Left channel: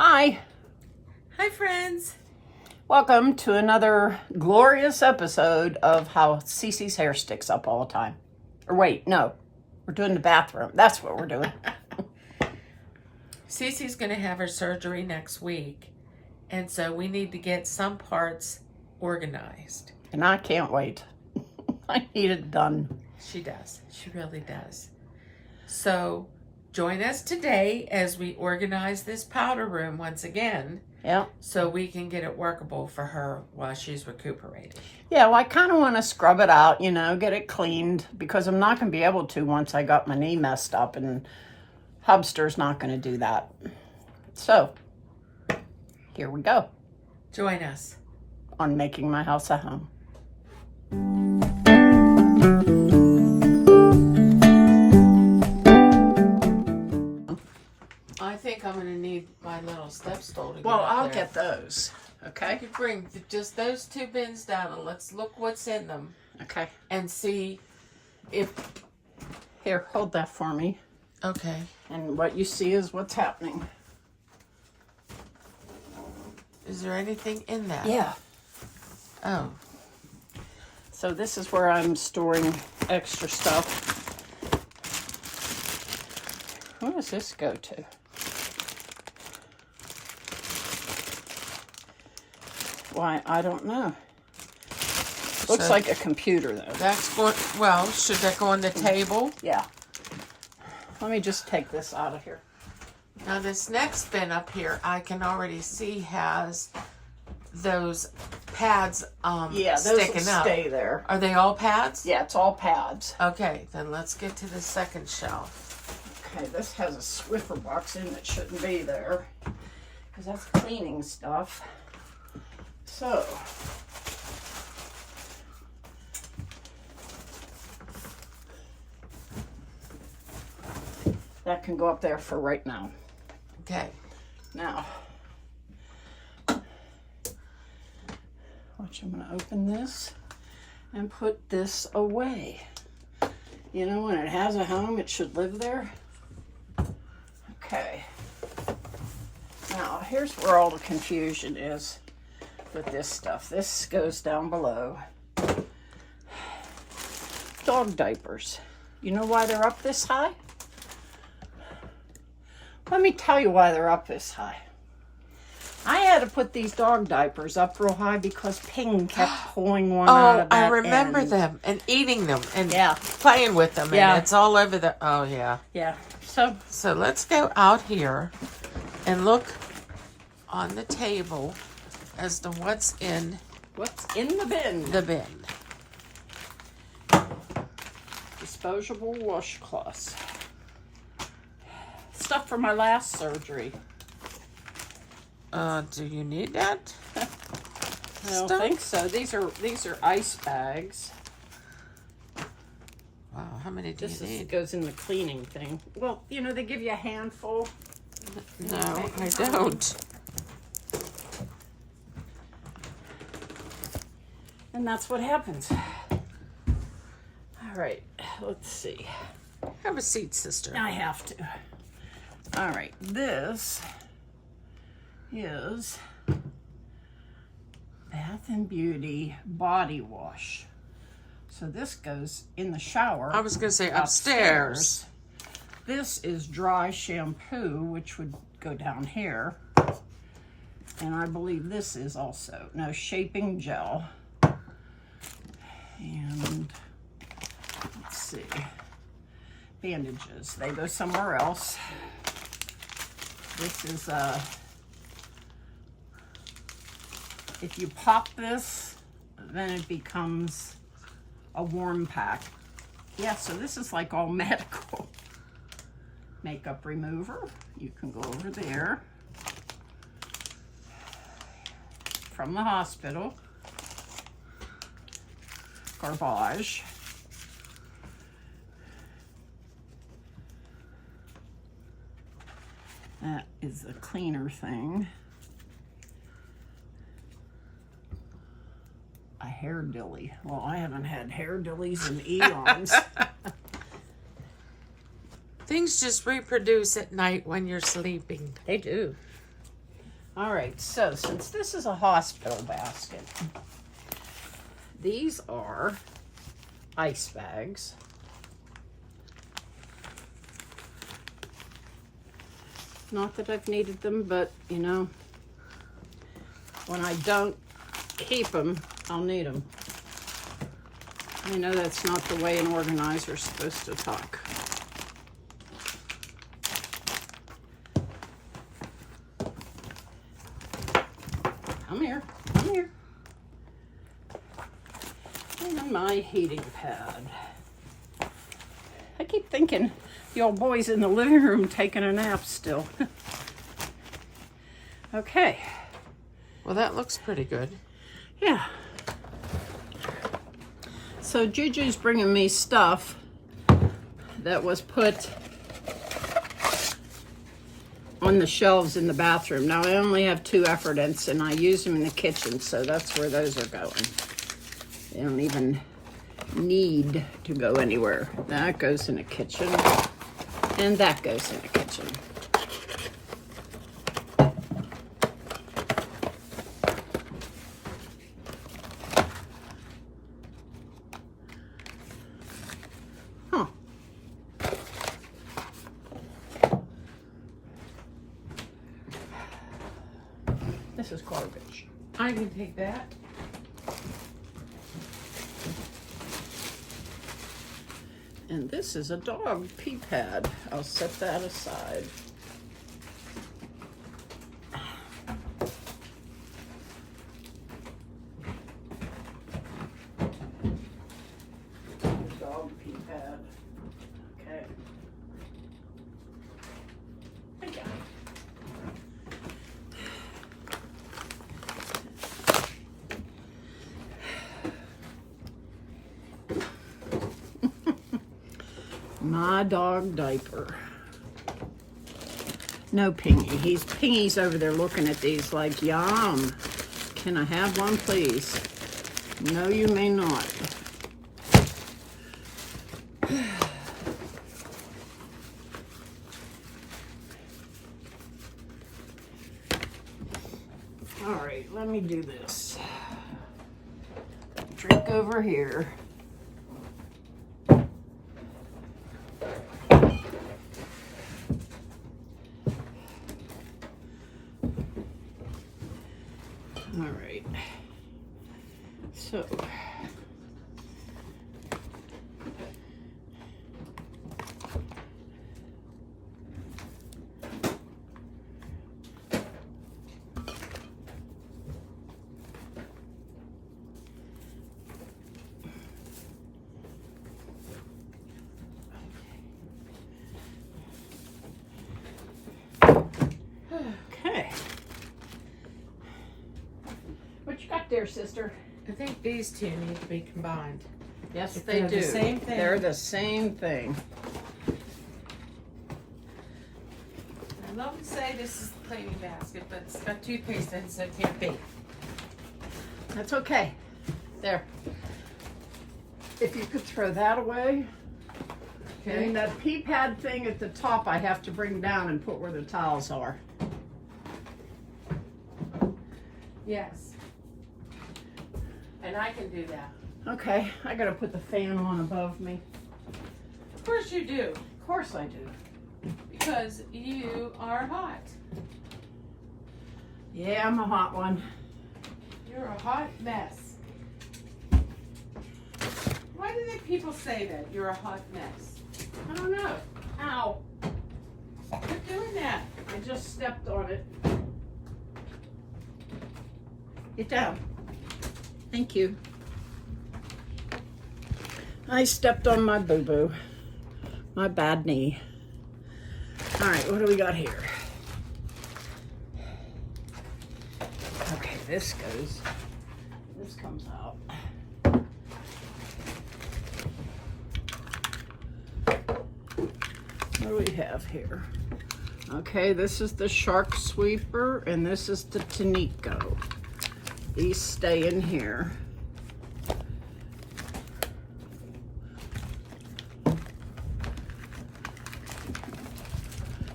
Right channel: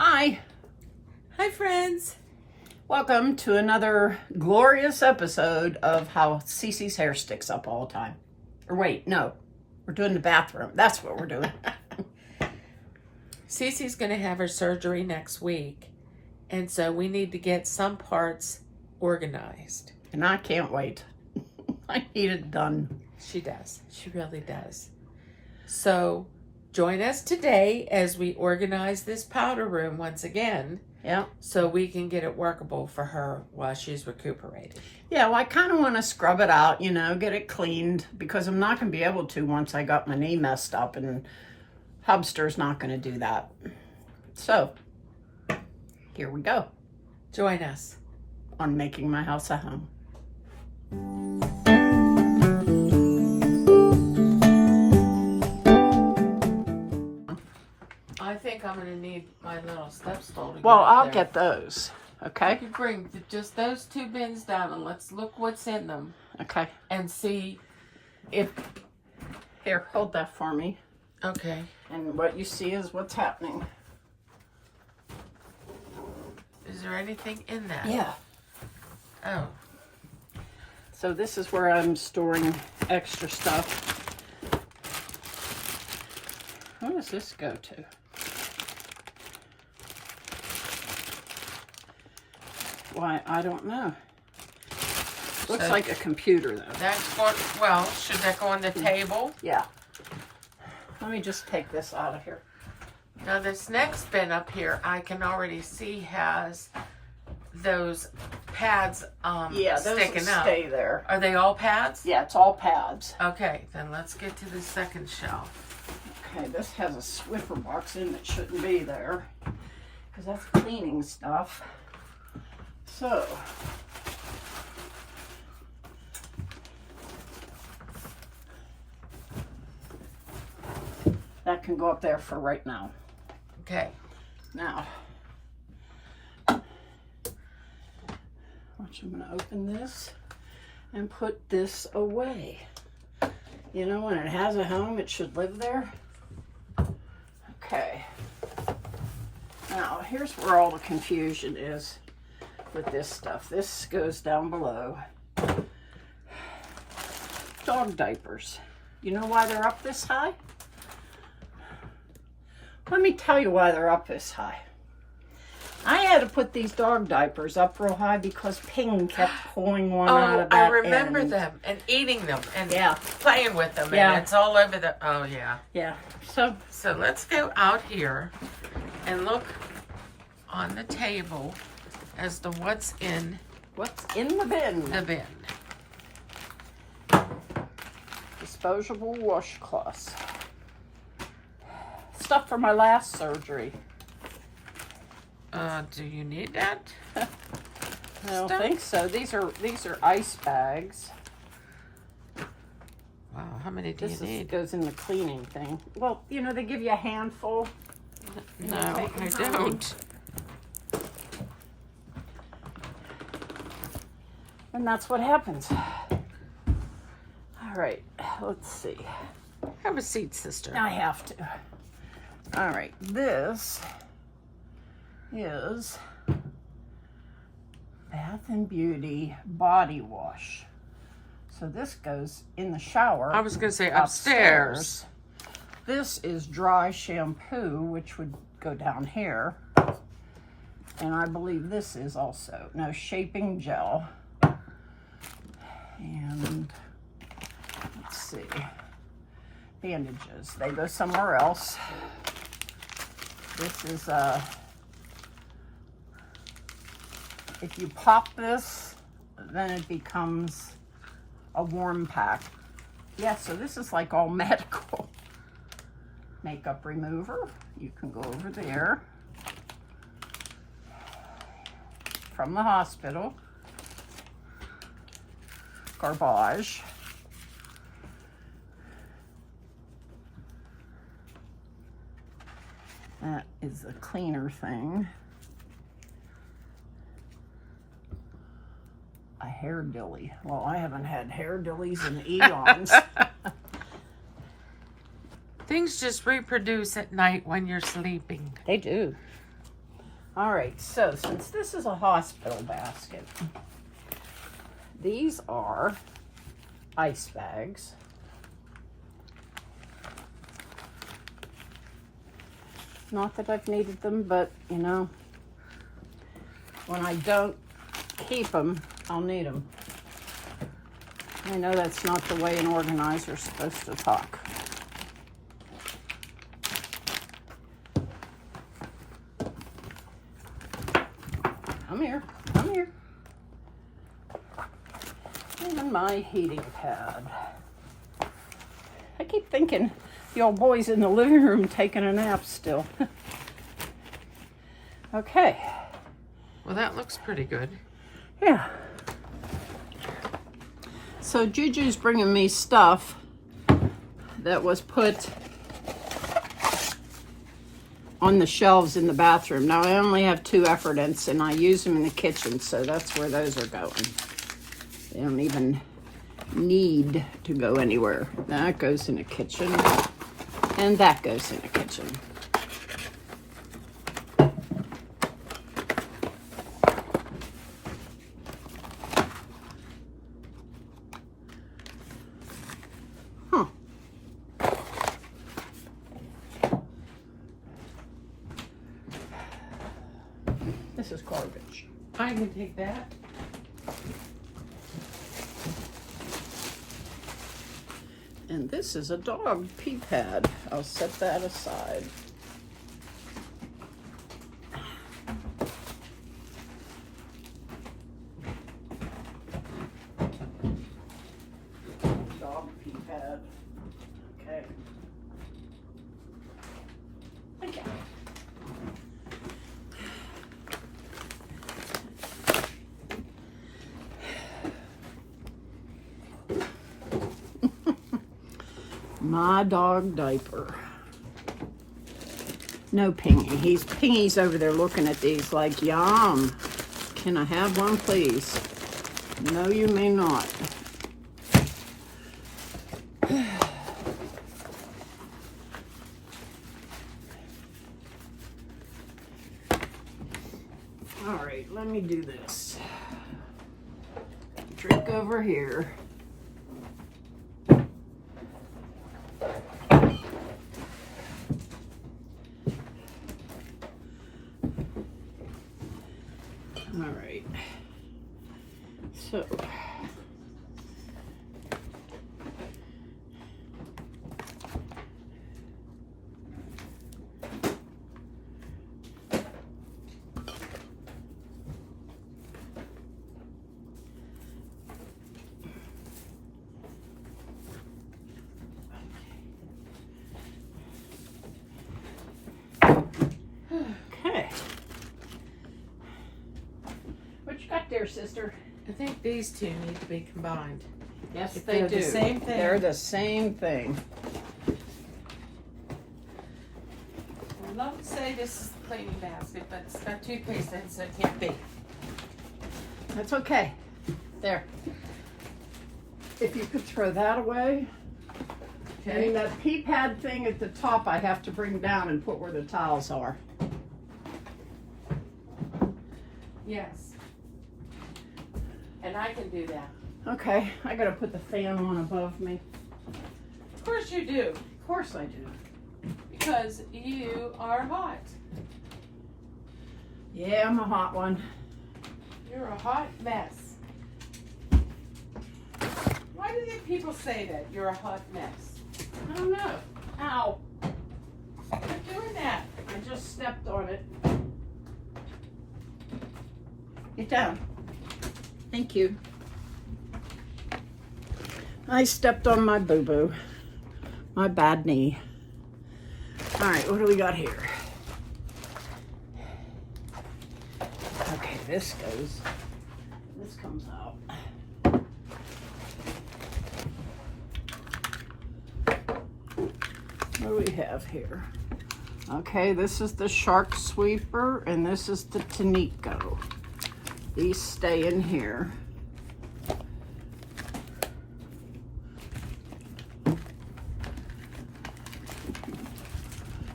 Hi. Hi, friends. Welcome to another glorious episode of how Cece's hair sticks up all the time. Or wait, no. We're doing the bathroom. That's what we're doing. Cece's going to have her surgery next week, and so we need to get some parts organized. And I can't wait. I need it done. She does. She really does. So join us today as we organize this powder room once again. Yeah. So we can get it workable for her while she's recuperating. Yeah, well, I kind of want to scrub it out, get it cleaned, because I'm not going to be able to once I got my knee messed up, and Hubster's not going to do that. So, here we go. Join us on Making My House a Home. I think I'm going to need my little step stool to get Well, up I'll there. get those. Okay. You can bring just those two bins down and let's look what's in them. Okay. And see if... Here, hold that for me. Okay. And what you see is what's happening. Is there anything in that? Yeah. Oh. So this is where I'm storing extra stuff. Who does this go to? Why, I don't know. Looks like a computer, though. That's going, well, should that go on the table? Yeah. Let me just take this out of here. Now this next bin up here, I can already see has those pads Yeah, those sticking will up. stay there. Are they all pads? Yeah, it's all pads. Okay, then let's get to the second shelf. Okay, this has a Swiffer box in that shouldn't be there, because that's cleaning stuff. So, that can go up there for right now. Okay. Now, watch, I'm going to open this and put this away. When it has a home, it should live there. Okay. Now, here's where all the confusion is with this stuff. This goes down below. Dog diapers. You know why they're up this high? Let me tell you why they're up this high. I had to put these dog diapers up real high because Ping kept pulling one out of that I remember end. them and eating them and Yeah. playing with them. Yeah. And it's all over the, oh yeah. Yeah. So let's go out here and look on the table as to what's in the bin? the bin. Disposable washcloths. Stuff for my last surgery. Do you need that? I don't think so. These are ice bags. Wow, how many do you This need? goes in the cleaning thing. Well, they give you a handful. No, I don't. And that's what happens. All right, let's see. Have a seat, sister. I have to. All right, this is Bath and Beauty body wash. So this goes in the shower. I was going to say upstairs. This is dry shampoo, which would go down here. And I believe this is also, no, shaping gel. And let's see, bandages. They go somewhere else. This is if you pop this, then it becomes a warm pack. Yeah, so this is like all medical. Makeup remover. You can go over there. From the hospital. Garbage. That is a cleaner thing. A hair dilly. Well, I haven't had hair dillies in eons. Things just reproduce at night when you're sleeping. They do. All right, so since this is a hospital basket, these are ice bags. Not that I've needed them, but you know, when I don't keep them, I'll need them. I know that's not the way an organizer's supposed to talk. Come here, come here. And my heating pad. I keep thinking the old boy's in the living room taking a nap still. Okay. Well, that looks pretty good. Yeah. So Juju's bringing me stuff that was put on the shelves in the bathroom. Now I only have 2 effordents and I use them in the kitchen, so that's where those are going. They don't even need to go anywhere. That goes in the kitchen and that goes in the kitchen. This is garbage. I can take that. And this is a dog pee pad. I'll set that aside. Dog pee pad. Okay. Okay. My dog diaper. No Pingy. Pingy's over there looking at these like, yum. Can I have one, please? No, you may not. All right, let me do this. Drink over here. All right, so okay. What you got there, sister? I think these two need to be combined. Yes, If they they're do. the same thing. They're the same thing. I love to say this is the cleaning basket, but it's got toothpaste in it, so it can't be. That's okay. There. If you could throw that away. I mean, that pee pad thing at the top I have to bring down and put where the towels are. Yes. And I can do that. Okay, I gotta put the fan on above me. Of course you do. Of course I do. Because you are hot. Yeah, I'm a hot one. You're a hot mess. Why do they people say that? You're a hot mess. I don't know. Ow. Quit doing that. I just stepped on it. Get down. Thank you. I stepped on my boo-boo. My bad knee. All right, what do we got here? Okay, this comes out. What do we have here? Okay, this is the shark sweeper and this is the Tanico. These stay in here.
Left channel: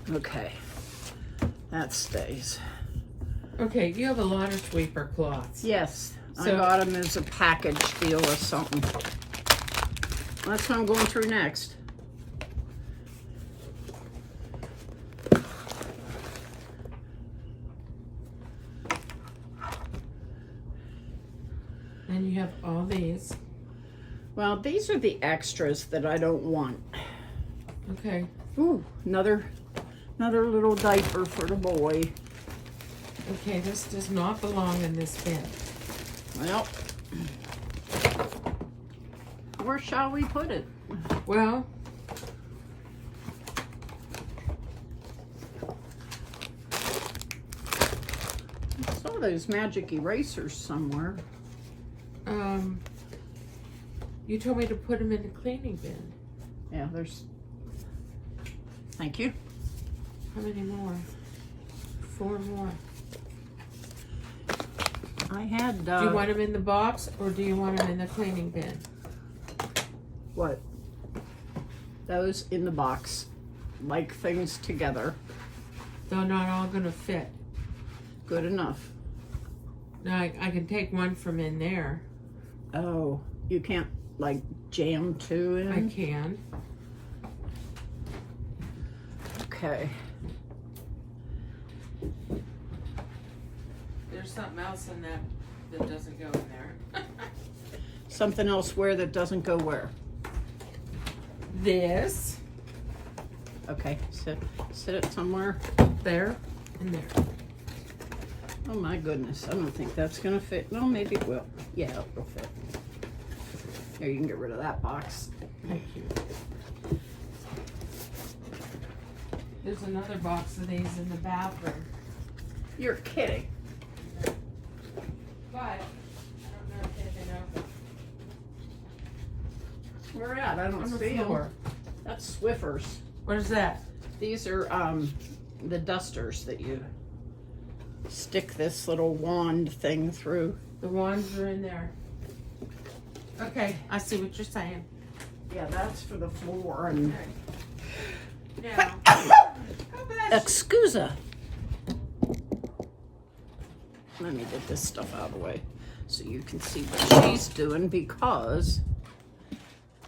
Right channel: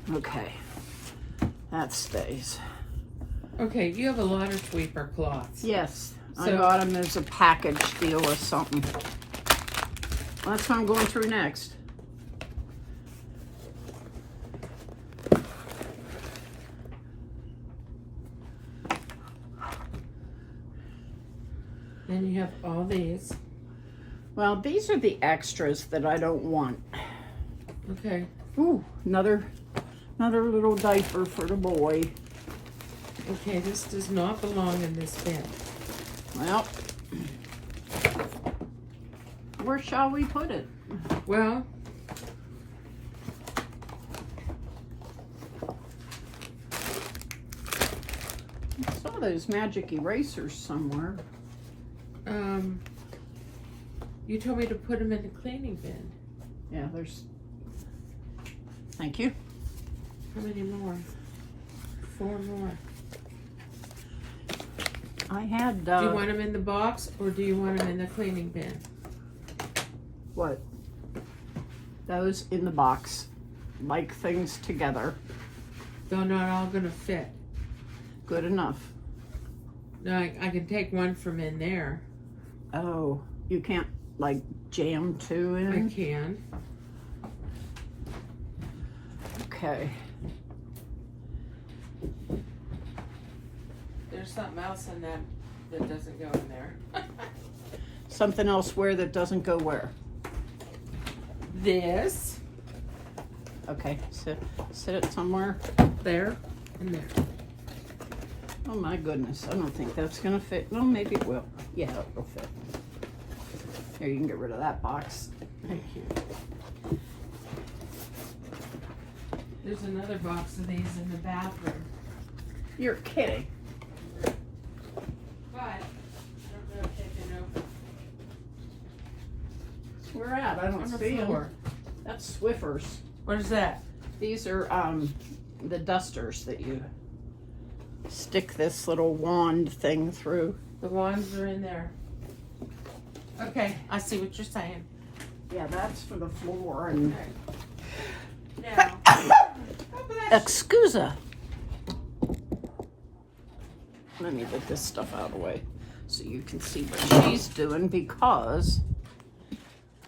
Okay, that stays. Okay, you have a lot of sweeper cloths. Yes, I So- got them as a package deal or something. That's what I'm going through next. And you have all these. Well, these are the extras that I don't want. Okay. Ooh, another little diaper for the boy. Okay, this does not belong in this bin. Well, where shall we put it? Well, I saw those magic erasers somewhere. you told me to put them in the cleaning bin. Yeah, there's. Thank you. How many more? 4 more. I had. Do you want them in the box or do you want them in the cleaning bin? What? Those in the box. Like things together. They're not all gonna fit. Good enough. No, I can take one from in there. Oh, you can't like jam two in? I can. Okay. There's something else in that that doesn't go in there. Something else where that doesn't go where? This. Okay, sit it somewhere. There. And there. Oh my goodness, I don't think that's gonna fit. Well, maybe it will. Yeah, it'll fit. Here, you can get rid of that box. Thank you. There's another box of these in the bathroom. You're kidding. But I don't know if they've been opened. Where at? I don't On the see floor. them. That's Swiffers. What is that? These are the dusters that you stick this little wand thing through. The wands are in there. Okay, I see what you're saying. Yeah, that's for the floor and. Okay. Now, Excusa. Let me get this stuff out of the way so you can see what she's doing because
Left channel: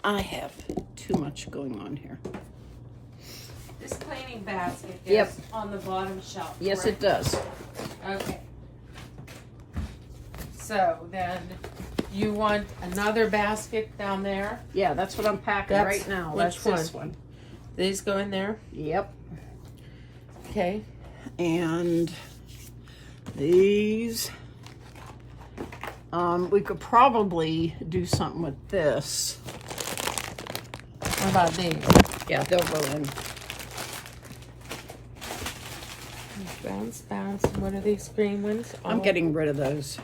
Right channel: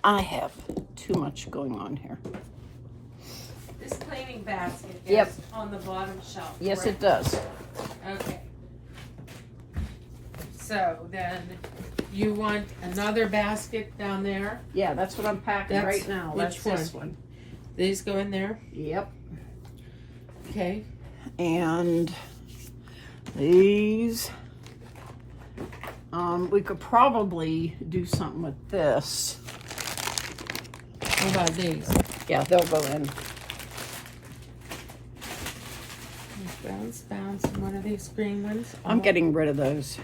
I have too much going on here. this cleaning basket is Yep. on the bottom shelf. Yes, correct? it does. Okay. So then, you want another basket down there? Yeah, that's what I'm packing That's- right now. which That's this one. These go in there? Yep. Okay. And these, we could probably do something with this. What about these? Yeah, they'll go in. Bounce, bounce. And what are these green ones? I'm Oh, getting rid of those.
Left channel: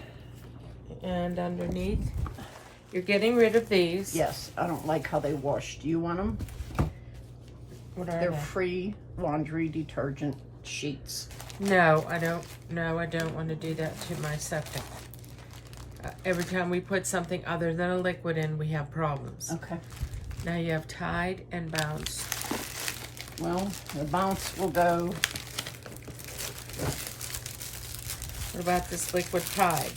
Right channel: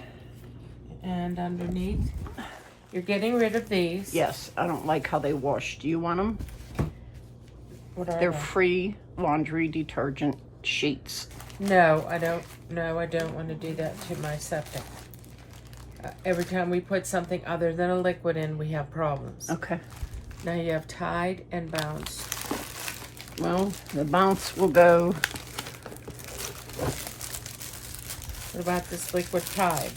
And underneath? You're getting rid of these. Yes, I don't like how they wash. Do you want them? What are They're they? free laundry detergent sheets. No, I don't. No, I don't want to do that to my septic. Every time we put something other than a liquid in, we have problems. Okay. Now you have Tide and Bounce. Well, the bounce will go. What about this liquid Tide?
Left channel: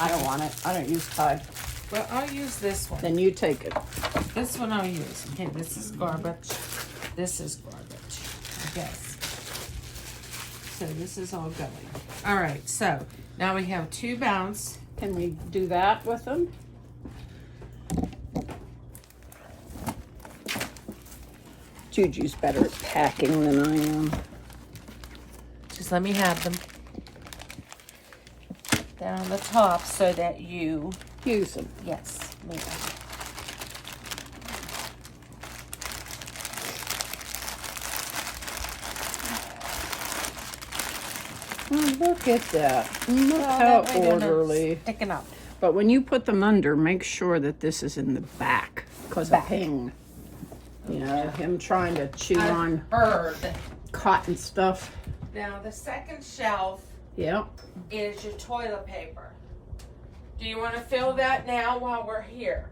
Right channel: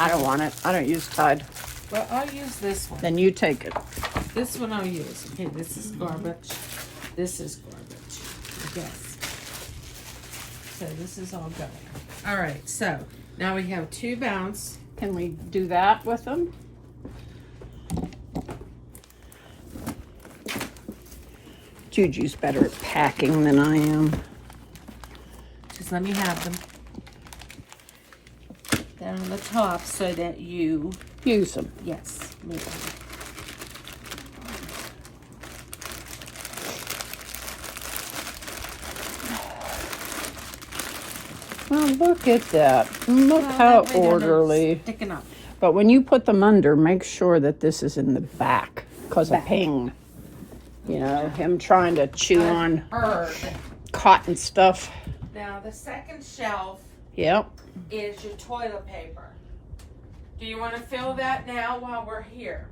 I don't want it. I don't use Tide. Well, I'll use this one. Then you take it. This one I'll use. Okay, this is garbage. This is garbage. Yes. So this is all good. All right, so now we have 2 Bounce. Can we do that with them? Juju's better at packing than I am. Just let me have them. They're on the top so that you, Use them. yes, move them. Well, look at that. Look how That way they're not orderly. Sticking up. But when you put them under, make sure that this is in the back because of Back. ping. You know, him trying to chew on Heard. cotton stuff. Now the second shelf Yep. is your toilet paper. Do you want to fill that now while we're here?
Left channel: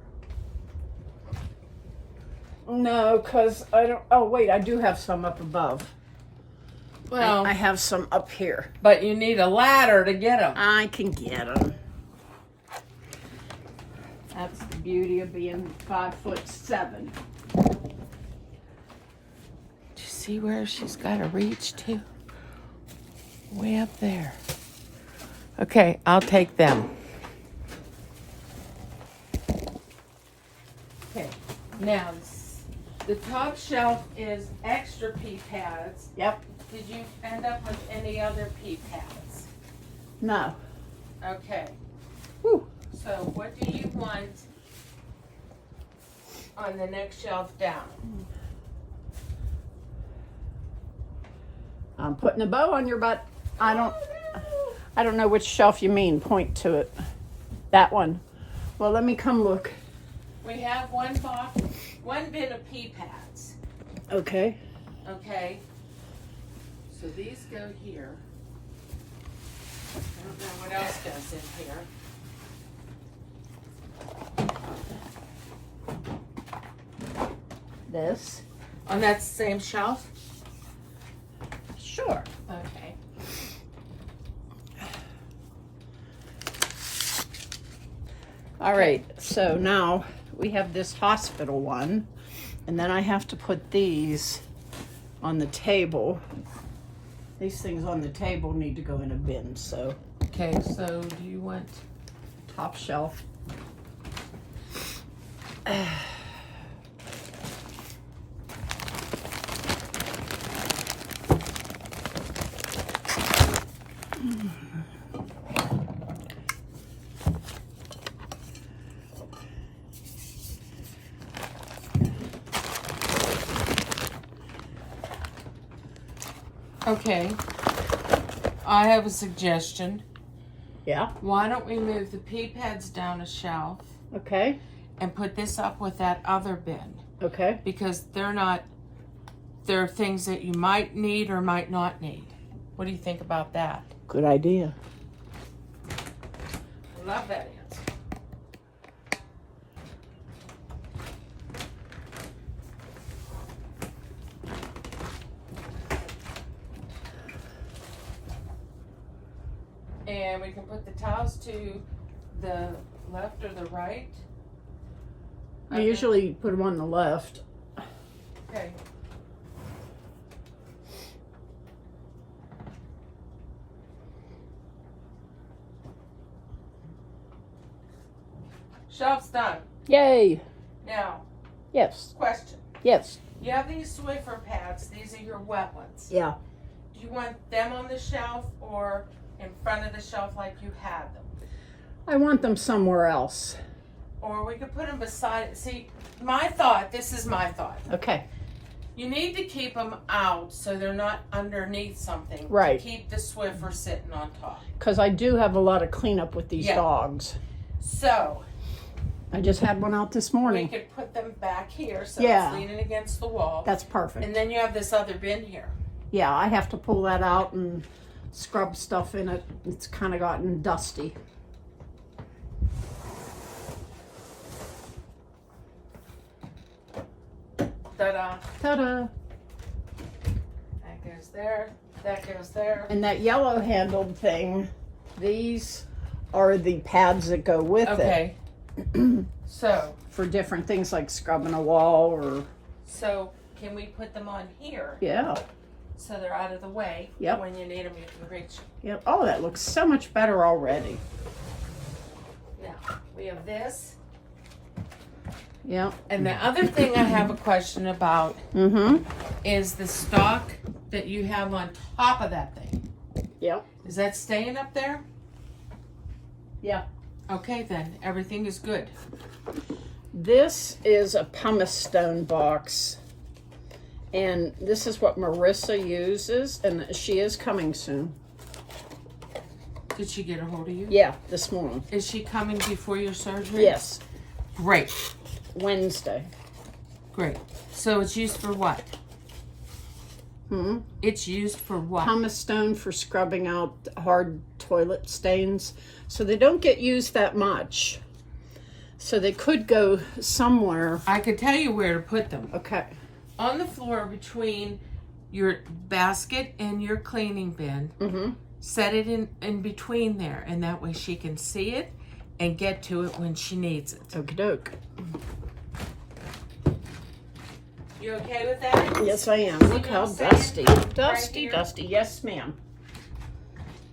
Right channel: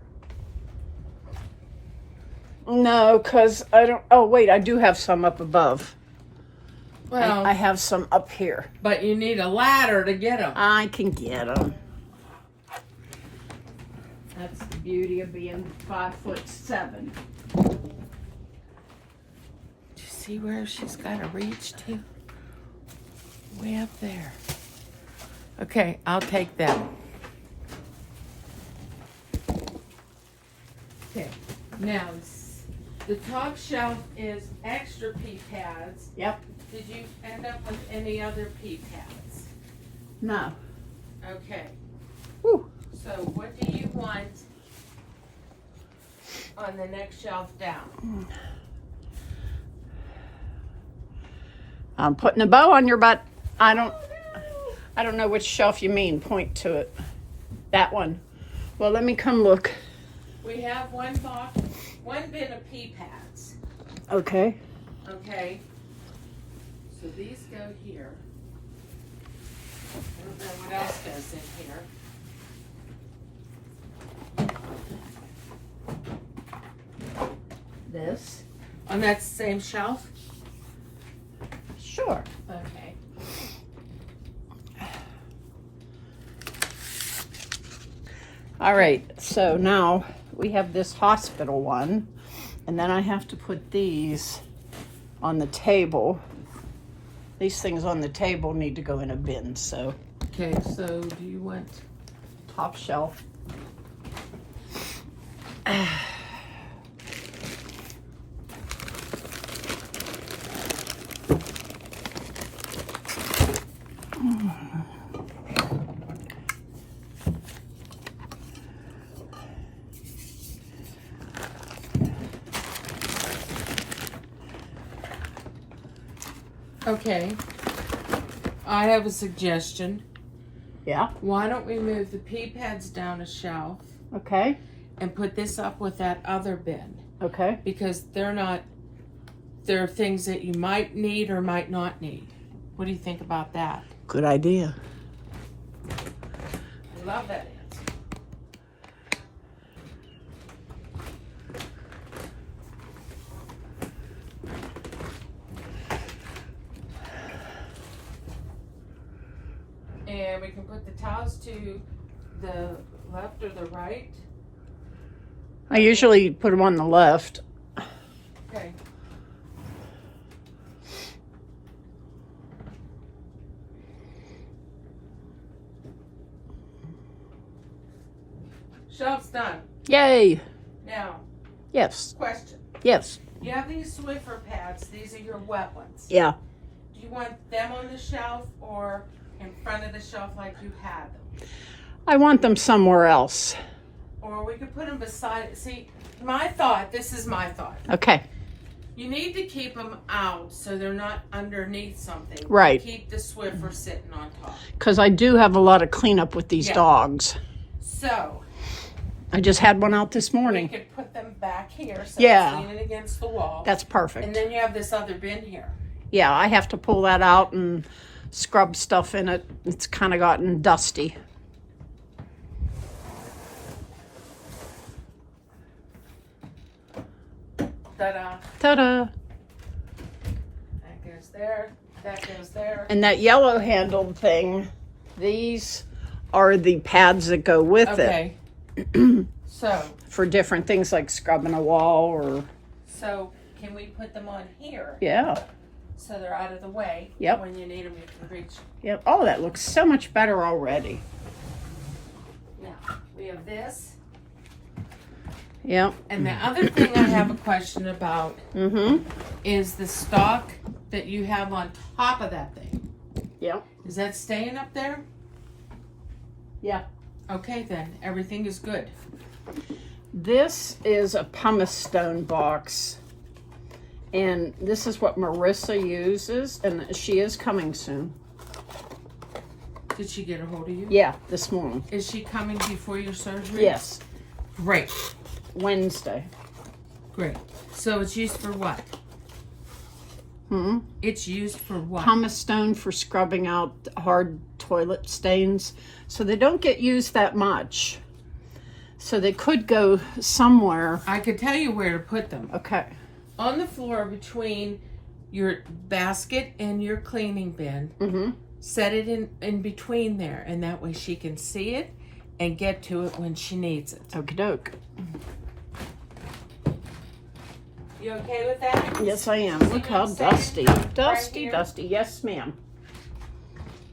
No, because I don't. Oh, wait, I do have some up above. Well, I have some up here. but you need a ladder to get them. I can get them. That's the beauty of being 5'7". Do you see where she's got to reach to? Way up there. Okay, I'll take them. Okay, now the top shelf is extra pea pads. Yep. Did you end up with any other pea pads? No. Okay, Whew. so what do you want on the next shelf down? I'm putting a bow on your butt. I don't know which shelf you mean. Point to it. That one. Well, let me come look. We have one box, one bin of pea pads. Okay. Okay. So these go here. I don't know what else goes in here. This. On that same shelf? Sure. Okay. All right. So now we have this hospital one, and then I have to put these on the table. These things on the table need to go in a bin. So Okay, so do you want top shelf. Okay. I have a suggestion. Yeah. Why don't we move the pea pads down a shelf Okay. and put this up with that other bin? Okay. Because there are things that you might need or might not need. What do you think about that? Good idea. I love that answer. And we can put the towels to the left or the right. I usually put them on the left. Okay. Shelf's done. Yay. Now, Yes. question. Yes. You have these Swiffer pads. These are your wet ones. Yeah. Do you want them on the shelf or in front of the shelf like you had them? I want them somewhere else. Or we could put them beside. See, my thought, this is my thought. Okay. You need to keep them out so they're not underneath something. Right. To keep the Swiffer sitting on top. Because I do have a lot of cleanup with these Yeah. dogs. So, I just had one out this we morning. could put them back here so Yeah. it's leaning against the wall. That's perfect. And then you have this other bin here. Yeah, I have to pull that out and scrub stuff in it. It's kind of gotten dusty. Ta-da. Ta-da. That goes there. That goes there. And that yellow handled thing, these are the pads that go with Okay. So, it for different things like scrubbing a wall or, can we put them on here yeah. so they're out of the way? Yep. When you need them, you can reach. Yep. Oh, that looks so much better already. Now, we have this. Yep. And the other thing I have a question about Mm-hmm. is the stock that you have on top of that thing. Yep. Is that staying up there? Yeah. Okay, then. Everything is good. This is a pumice stone box. And this is what Marissa uses. And she is coming soon. Did she get a hold of you? Yeah, this morning. Is she coming before your surgery? Yes. Great. Wednesday. Great. So it's used for what? Hmm. It's used for what? Pumice stone for scrubbing out hard toilet stains. So they don't get used that much. So they could go somewhere. I could tell you where to put them. Okay. On the floor between your basket and your cleaning bin. Mm-hmm. Set it in between there, and that way she can see it and get to it when she needs it. Okie doke. You okay with that? Yes, I am. See Look what how I'm saying? dusty. Right Dusty, here? dusty. Yes, ma'am.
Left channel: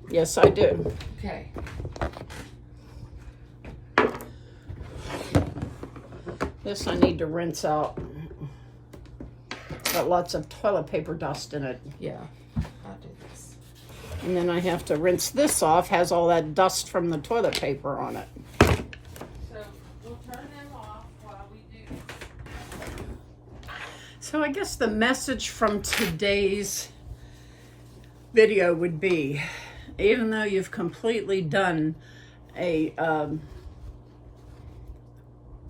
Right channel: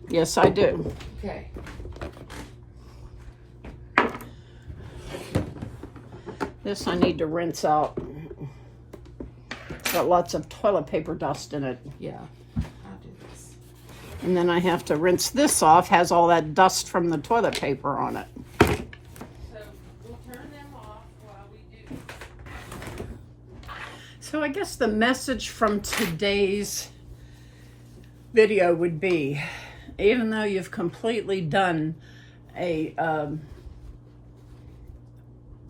Yes, I do. Okay. This I need to rinse out. Got lots of toilet paper dust in it. Yeah. I'll do this. And then I have to rinse this off. Has all that dust from the toilet paper on it. So we'll turn them off while we do this. So I guess the message from today's video would be, even though you've completely done a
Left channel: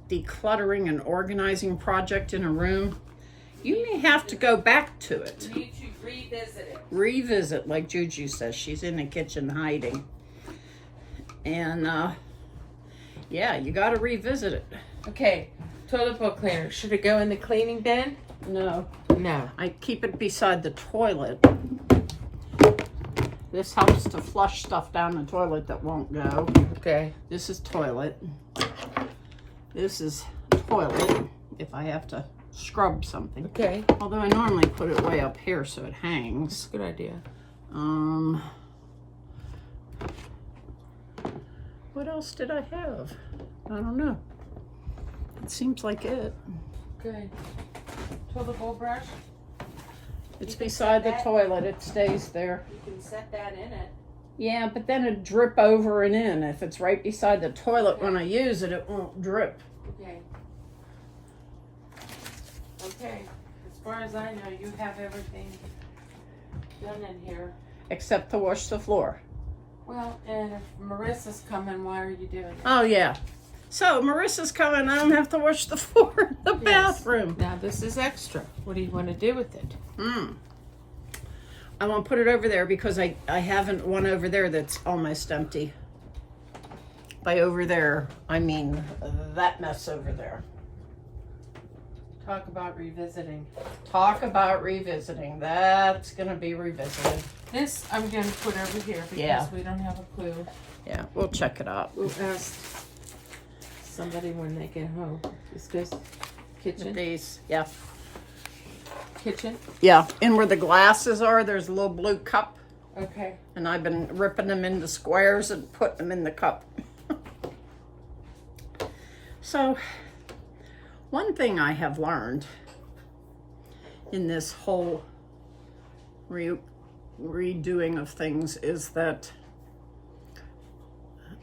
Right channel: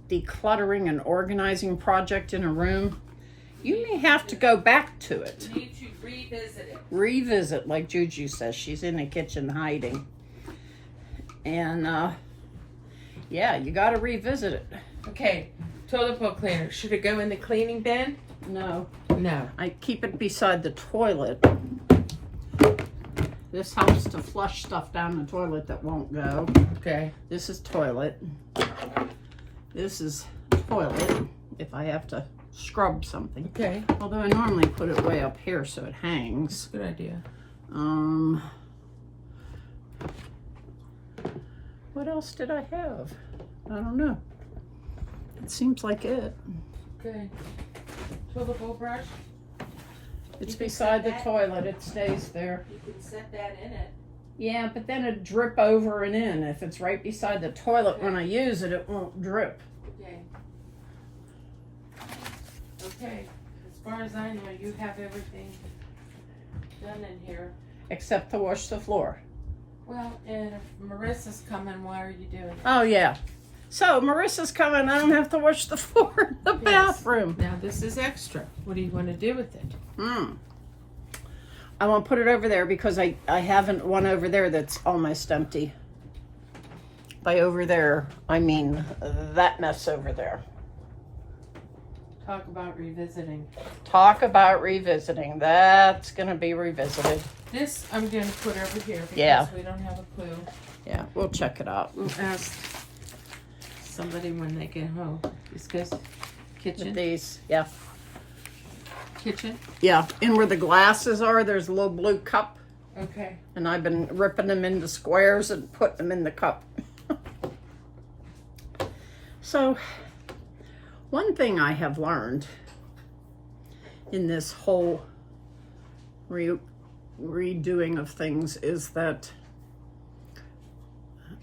decluttering and organizing project in a room, you may have to go back to it. You need to revisit it. Revisit, like Juju says. She's in the kitchen hiding. And, yeah, you got to revisit it. Okay. Toilet bowl cleaner. Should it go in the cleaning bin? No. No. I keep it beside the toilet. This helps to flush stuff down the toilet that won't go. Okay. This is toilet. This is toilet if I have to scrub something. Okay. Although I normally put it way up here so it hangs. Good idea. What else did I have? I don't know. It seems like it. Okay. Toilet bowl brush. It's You can beside set the that- toilet. It stays there. You can set that in it. Yeah, but then it drip over and in. If it's right beside the toilet when I use it, it won't drip. Okay. Okay. As far as I know, you have everything done in here. Except to wash the floor. Well, and if Marissa's coming, why are you doing it? Oh, yeah. So, Marissa's coming. I don't have to wash the floor in the Yes. bathroom. Now this is extra. What do you want to do with it? I want to put it over there because I haven't one over there that's almost empty. By over there, I mean that mess over there. Talk about revisiting. Talk about revisiting. That's going to be revisited. This I'm going to put over here because Yeah. we don't have a clue. Yeah, we'll check it out. We'll ask somebody when they get home. This goes kitchen. These, yeah. Kitchen. Yeah, and where the glasses are, there's a little blue cup. Okay. And I've been ripping them into squares and putting them in the cup. So, one thing I have learned in this whole redoing of things is that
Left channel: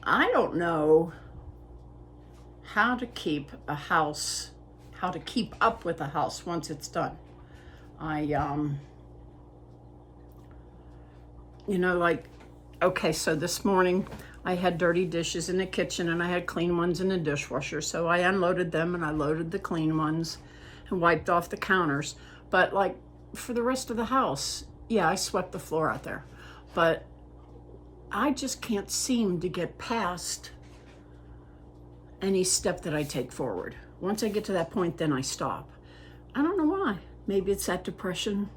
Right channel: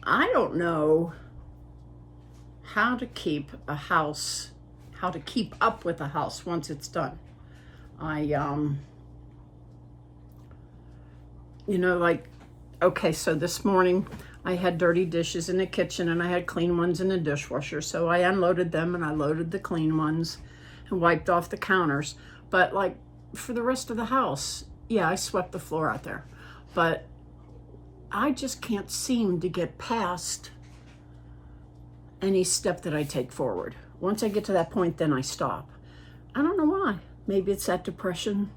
I don't know how to keep a house, how to keep up with a house once it's done. Okay, so this morning I had dirty dishes in the kitchen and I had clean ones in the dishwasher. So I unloaded them and I loaded the clean ones and wiped off the counters. But like for the rest of the house, yeah, I swept the floor out there. But I just can't seem to get past any step that I take forward. Once I get to that point, then I stop. I don't know why. Maybe it's that depression.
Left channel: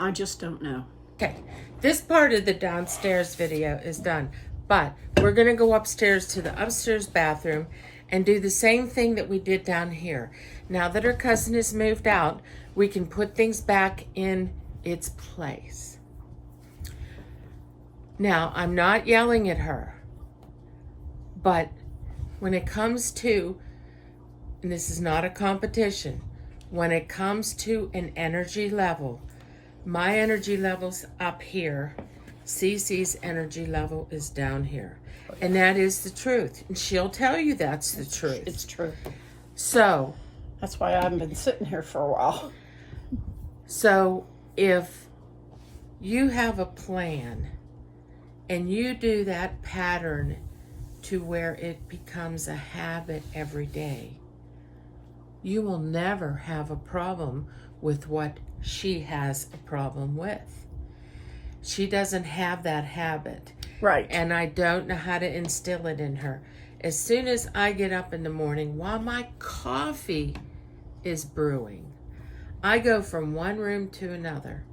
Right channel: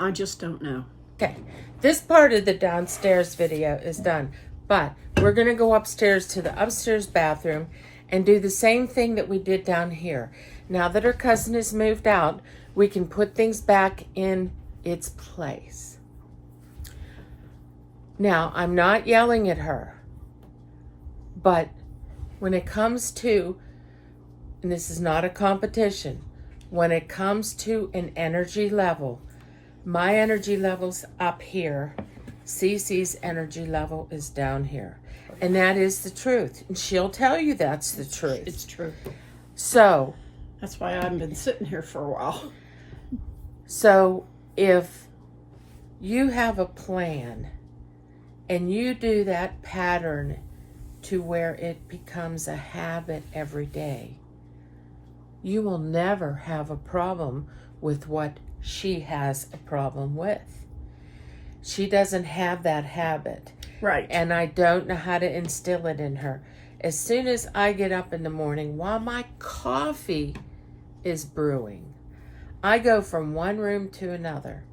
I just don't know. Okay. This part of the downstairs video is done, but we're going to go upstairs to the upstairs bathroom and do the same thing that we did down here. Now that her cousin has moved out, we can put things back in its place. Now, I'm not yelling at her, but when it comes to, and this is not a competition, when it comes to an energy level, my energy level's up here. Cece's energy level is down here. And that is the truth. And she'll tell you that's the truth. It's true. So, That's why I haven't been sitting here for a while. so if you have a plan and you do that pattern to where it becomes a habit every day, you will never have a problem with what she has a problem with. She doesn't have that habit. Right. And I don't know how to instill it in her. As soon as I get up in the morning, while my coffee is brewing, I go from one room to another,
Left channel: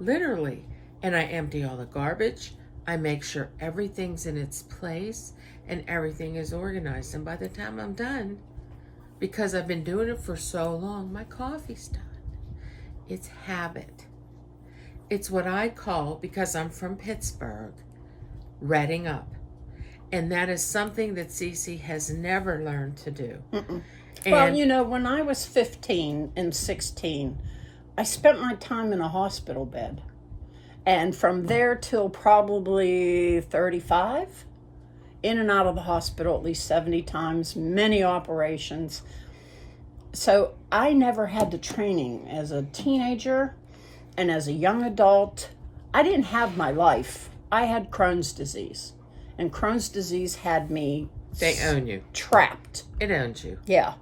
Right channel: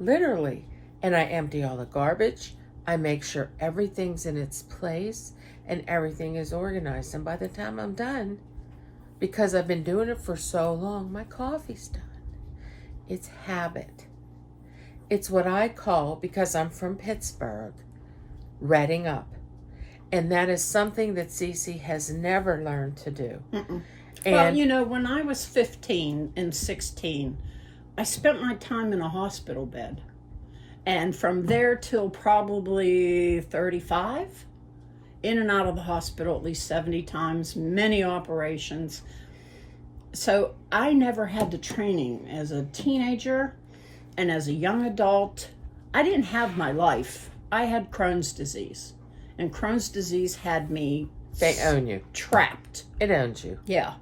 literally, and I empty all the garbage. I make sure everything's in its place and everything is organized. And by the time I'm done, because I've been doing it for so long, my coffee's done. It's habit. It's what I call, because I'm from Pittsburgh, redding up. And that is something that Cece has never learned to do. Well, you know, when I was 15 and 16, I spent my time in a hospital bed. And from there till probably 35, in and out of the hospital at least 70 times, many operations. So I never had the training as a teenager and as a young adult. I didn't have my life. I had Crohn's disease. And Crohn's disease had me... They own you. Trapped. It owns you. Yeah.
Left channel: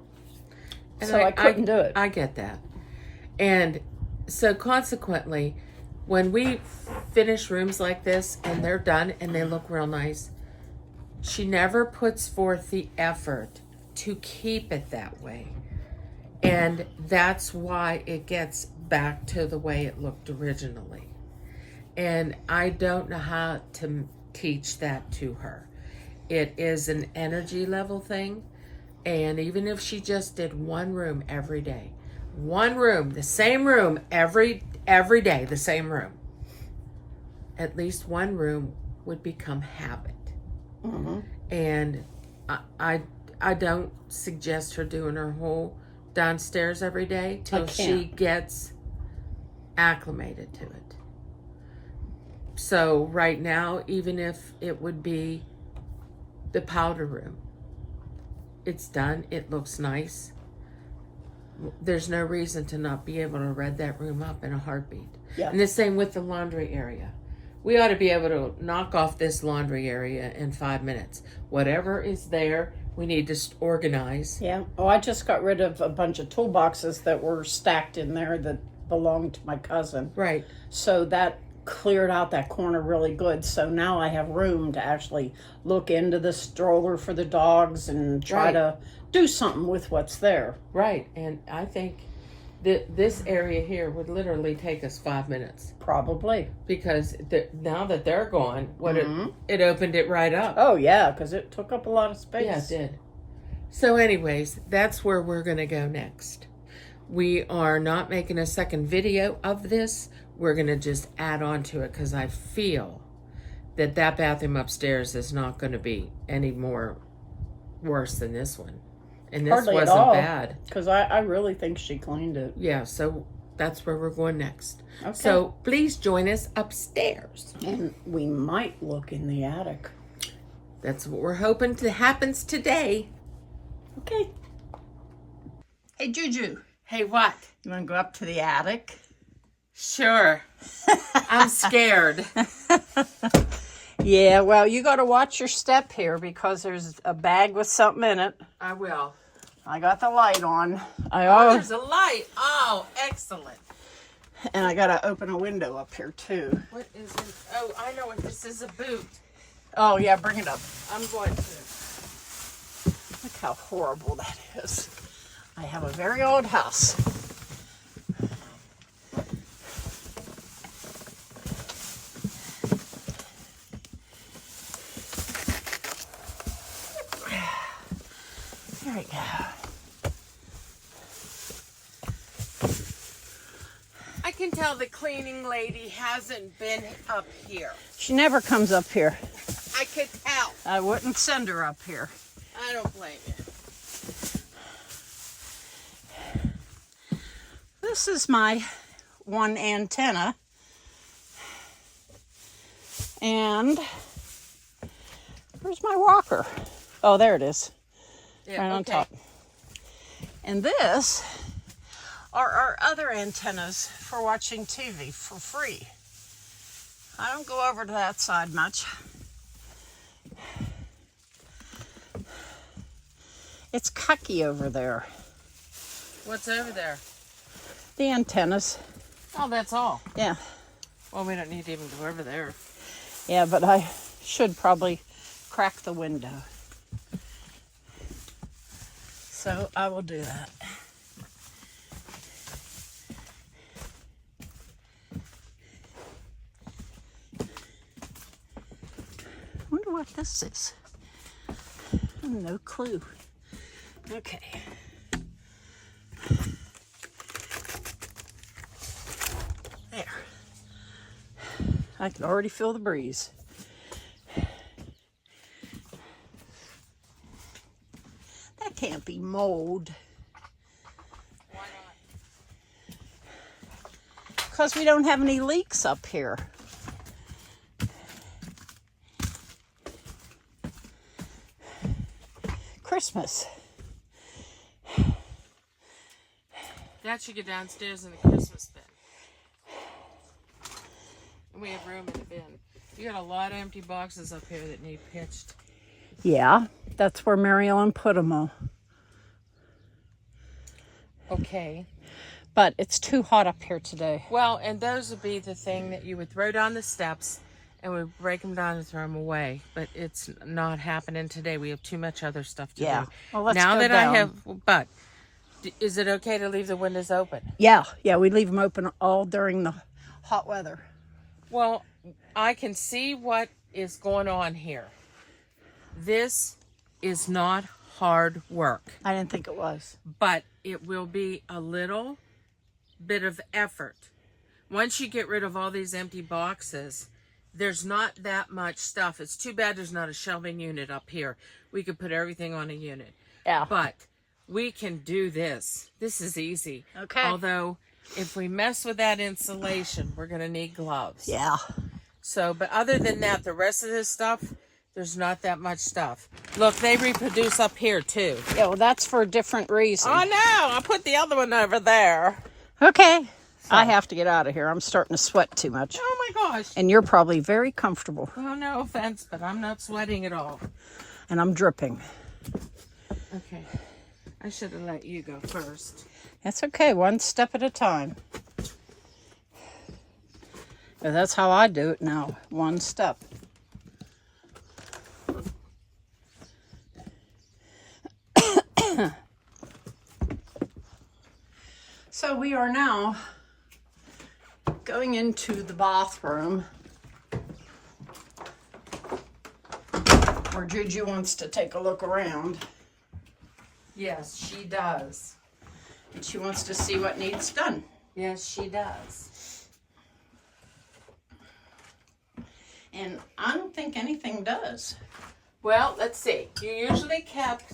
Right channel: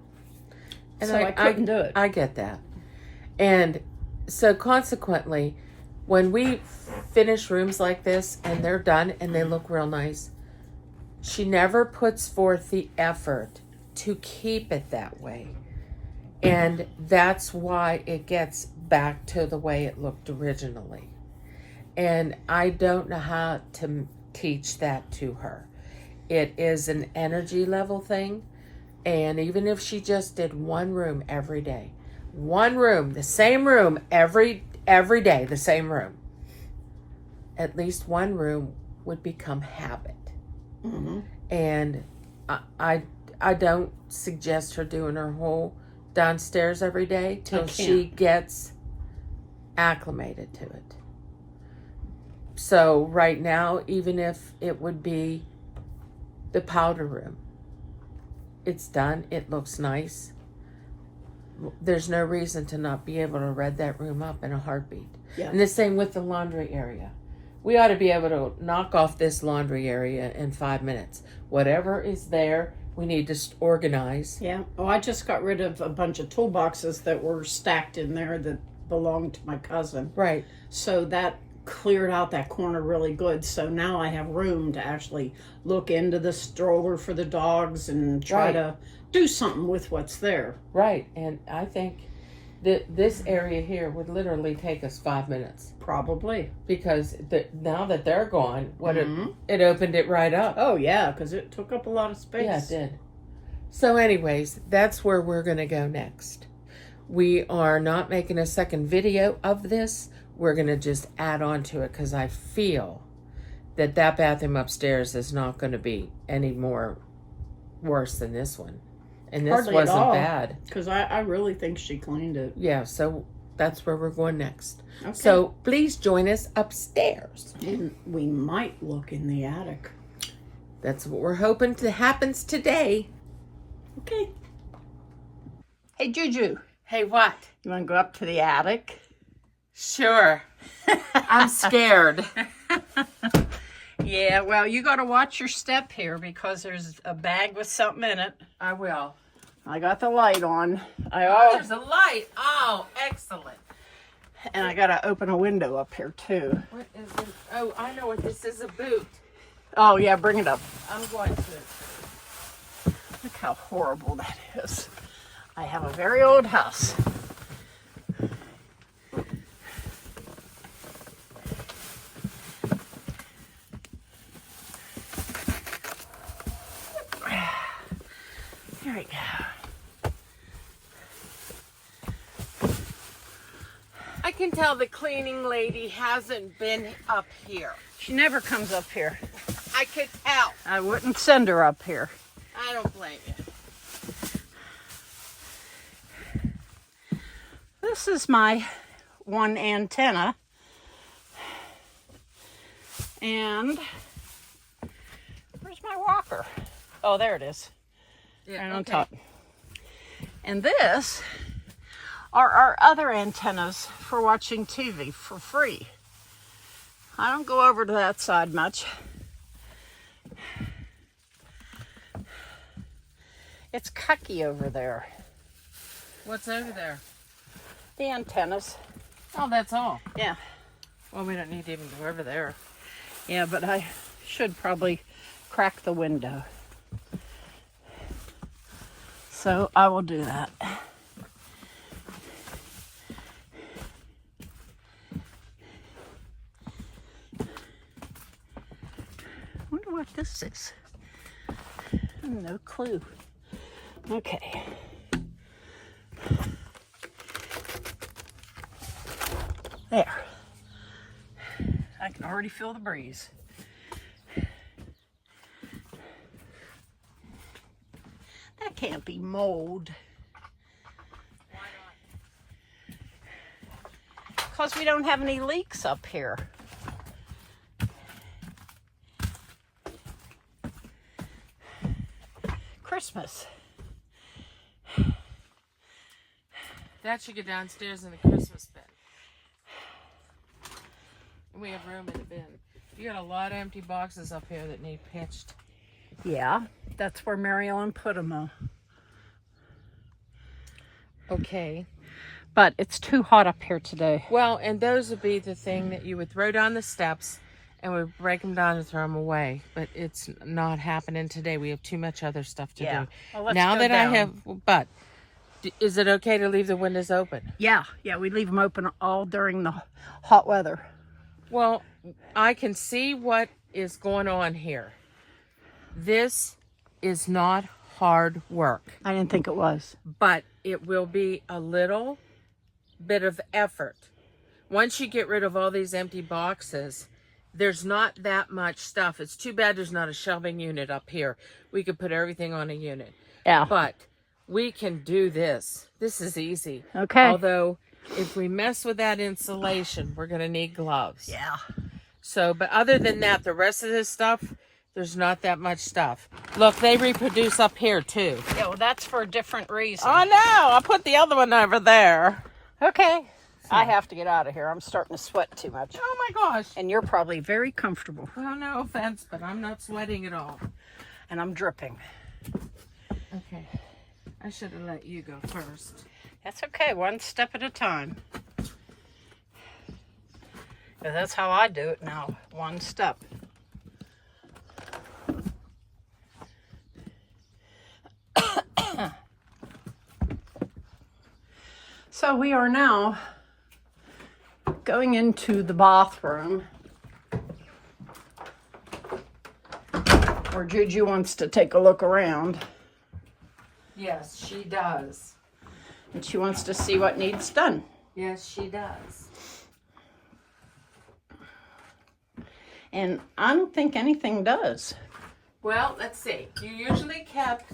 And so I couldn't do it. I get that. And so consequently, when we finish rooms like this and they're done and they look real nice, she never puts forth the effort to keep it that way. And that's why it gets back to the way it looked originally. And I don't know how to teach that to her. It is an energy level thing. And even if she just did one room every day, one room, the same room every day, the same room, at least one room would become habit. And I don't suggest her doing her whole downstairs every day till she gets acclimated to it. So right now, even if it would be the powder room, it's done. It looks nice. There's no reason to not be able to red that room up in a heartbeat. Yeah. And the same with the laundry area. We ought to be able to knock off this laundry area in 5 minutes. Whatever is there, we need to organize. Yeah. Oh, I just got rid of a bunch of toolboxes that were stacked in there that belonged to my cousin. Right. So that cleared out that corner really good. So now I have room to actually look into the stroller for the dogs and try to do something with what's there. Right. And I think that this area here would literally take us 5 minutes. Probably. Because now that they're gone, it opened it right up. Oh, yeah, because it took up a lot of space. Yeah, it did. So anyways, that's where we're going to go next. We are not making a second video of this. We're going to just add on to it because I feel that bathroom upstairs is not going to be any more worse than this one. And this Hardly wasn't bad. Because I really think she cleaned it. Yeah, so that's where we're going next. Okay. So please join us upstairs. And we might look in the attic. That's what we're hoping to happens today. Okay. Hey, Juju. Hey, what? You want to go up to the attic? Sure. I'm scared. Yeah, well, you got to watch your step here because there's a bag with something in it. I will. I got the light on. Oh, there's a light. Oh, excellent. And I got to open a window up here, too. What is it? Oh, I know what this is, a boot. Oh, yeah, bring it up. I'm going to. Look how horrible that is. I have a very old house. There we go. I can tell the cleaning lady hasn't been up here. She never comes up here. I could tell. I wouldn't send her up here. I don't blame you. This is my one antenna. And where's my rocker? Oh, there it is. Yeah, right on top. And this are our other antennas for watching TV for free. I don't go over to that side much. It's cucky over there. What's over there? The antennas. Oh, that's all. Yeah. Well, we don't need to even go over there. Yeah, but I should probably crack the window. So I will do that. what this is. No clue. Okay. There. I can already feel the breeze. That can't be mold. Because we don't have any leaks up here. Christmas. That should go downstairs in the Christmas bin. And we have room in the bin. You got a lot of empty boxes up here that need pitched. Yeah, that's where Mary Ellen put them all. Okay. But it's too hot up here today. Well, and those would be the thing that you would throw down the steps and we break them down and throw them away. But it's not happening today. We have too much other stuff to do. Well, let's now go that down. I have, but is it okay to leave the windows open? Yeah, we leave them open all during the hot weather. Well, I can see what is going on here. This is not hard work. I didn't think it was. But it will be a little bit of effort. Once you get rid of all these empty boxes, there's not that much stuff. It's too bad there's not a shelving unit up here. We could put everything on a unit. Yeah. But we can do this. This is easy. Okay. Although, if we mess with that insulation, we're going to need gloves. Yeah. So, but other than that, the rest of this stuff, there's not that much stuff. Look, they reproduce up here, too. Yeah, well, that's for a different reason. Oh, no! I'll put the other one over there. Okay. I have to get out of here. I'm starting to sweat too much. Oh, my gosh. And you're probably very comfortable. Well, no offense, but I'm not sweating at all. And I'm dripping. Okay. I should have let you go first. That's okay. One step at a time. And that's how I do it now. One step. So we are now going into the bathroom where Juju wants to take a look around. Yes, she does. And she wants to see what needs done. Yes, she does. And I don't think anything does. Well, let's see. You usually kept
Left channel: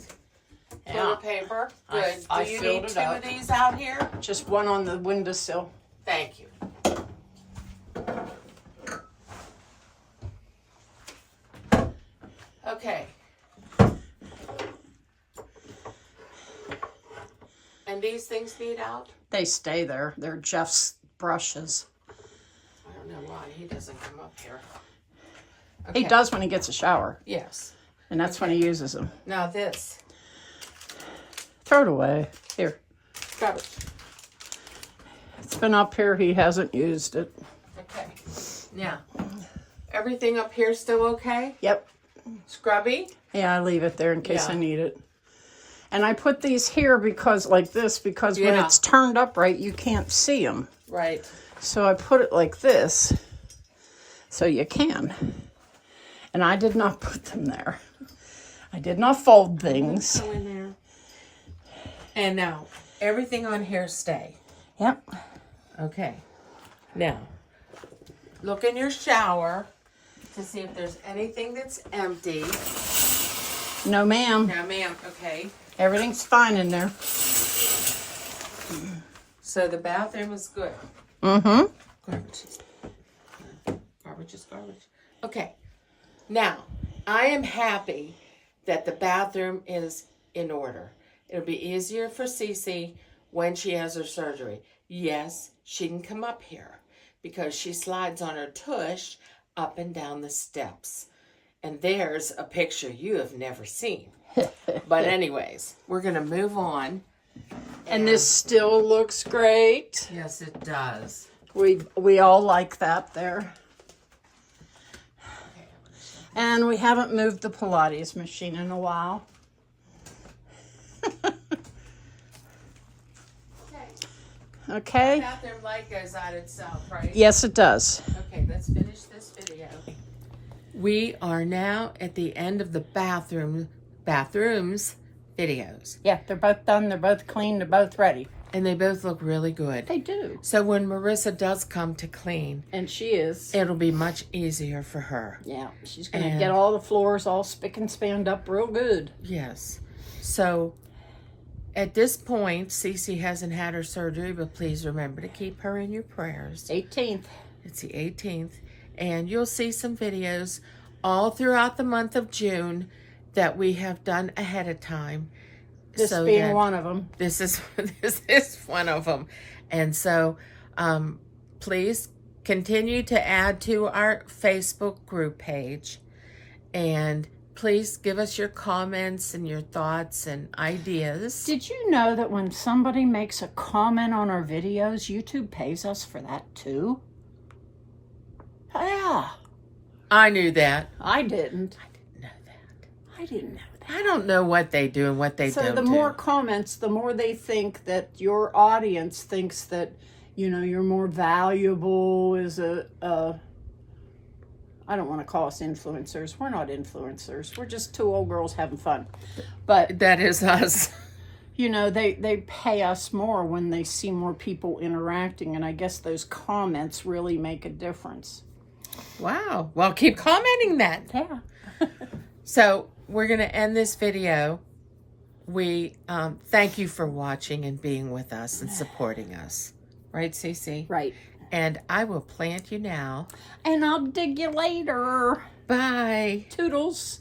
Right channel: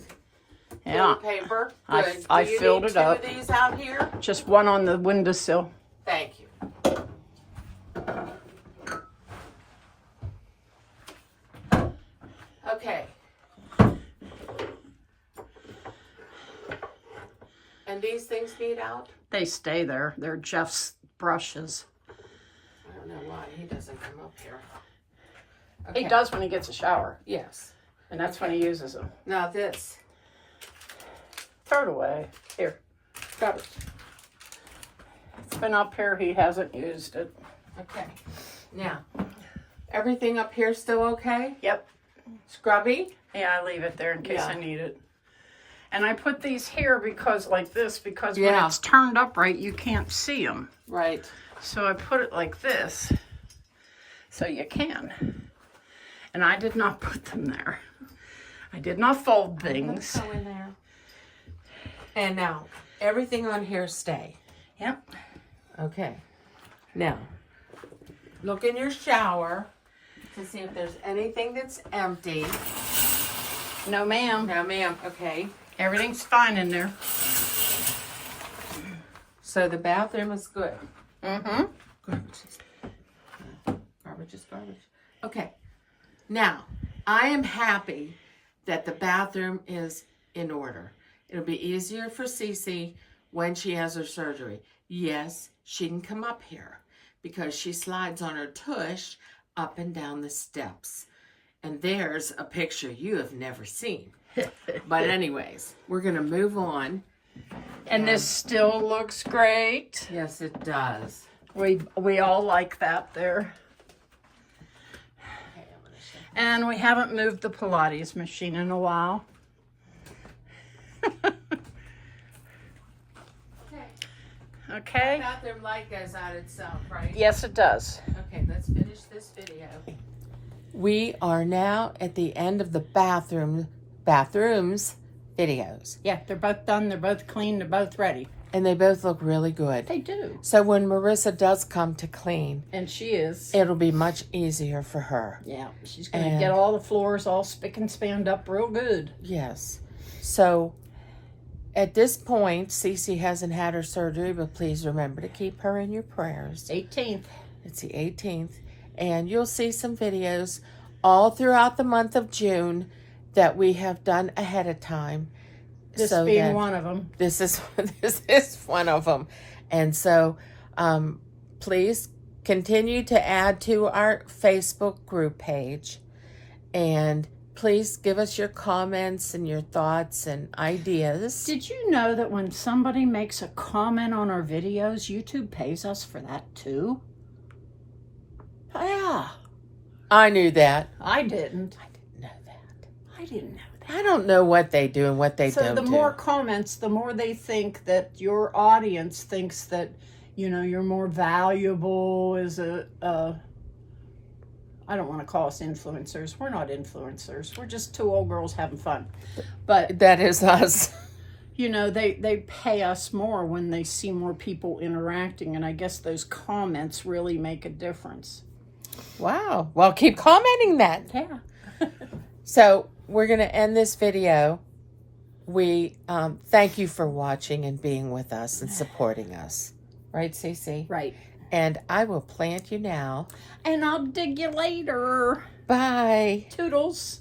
toilet paper. Good. I Do you filled need it two up. of these out here? Just one on the windowsill. Thank you. Okay. And these things need out? They stay there. They're Jeff's brushes. I don't know why he doesn't come up here. He Okay. does when he gets a shower. Yes. And that's when he uses them. Now this. Throw it away. Here. Got it. It's been up here. He hasn't used it. Okay. Now, everything up here still okay? Yep. Scrubby? Yeah, I leave it there in case Yeah. I need it. And I put these here because, like this, because when Yeah. it's turned up right, you can't see them. Right. So I put it like this so you can. And I did not put them there. I did not fold things. Go in there. And now, everything on here stay. Yep. Okay. Now, look in your shower to see if there's anything that's empty. No, ma'am. No, ma'am. Okay. Everything's fine in there. So the bathroom is good. Mm-hmm. Garbage is garbage. Okay. Now, I am happy that the bathroom is in order. It'll be easier for Cece when she has her surgery. Yes, she can come up here because she slides on her tush up and down the steps. And there's a picture you have never seen. But anyways, we're going to move on. And this still looks great. Yes, it does. We all like that there. And we haven't moved the Pilates machine in a while. Okay. The bathroom light goes out itself, right? Yes, it does. Okay, let's finish this video. we are now at the end of the bathrooms videos. Yeah, they're both done. They're both clean. They're both ready. And they both look really good. They do. So when Marissa does come to clean, And she is. it'll be much easier for her. Yeah, she's going to get all the floors all spick and spanned up real good. Yes. So at this point, Cece hasn't had her surgery, but please remember to keep her in your prayers. 18th. It's the 18th. And you'll see some videos all throughout the month of June that we have done ahead of time. This being one of them. This is one of them. And so please continue to add to our Facebook group page. And please give us your comments and your thoughts and ideas. Did you know that when somebody makes a comment on our videos, YouTube pays us for that too? Yeah. I knew that. I didn't. I didn't know that. I didn't know that. I don't know what they do and what they don't do. So the more comments, the more they think that your audience thinks that, you know, you're more valuable as a I don't want to call us influencers. We're not influencers. We're just two old girls having fun. But that is us. You know, they pay us more when they see more people interacting, and I guess those comments really make a difference. Wow. Well, keep commenting that. Yeah. So we're going to end this video. We thank you for watching and being with us and supporting us. Right, Cece? Right. And I will plant you now. And I'll dig you later. Bye. Toodles.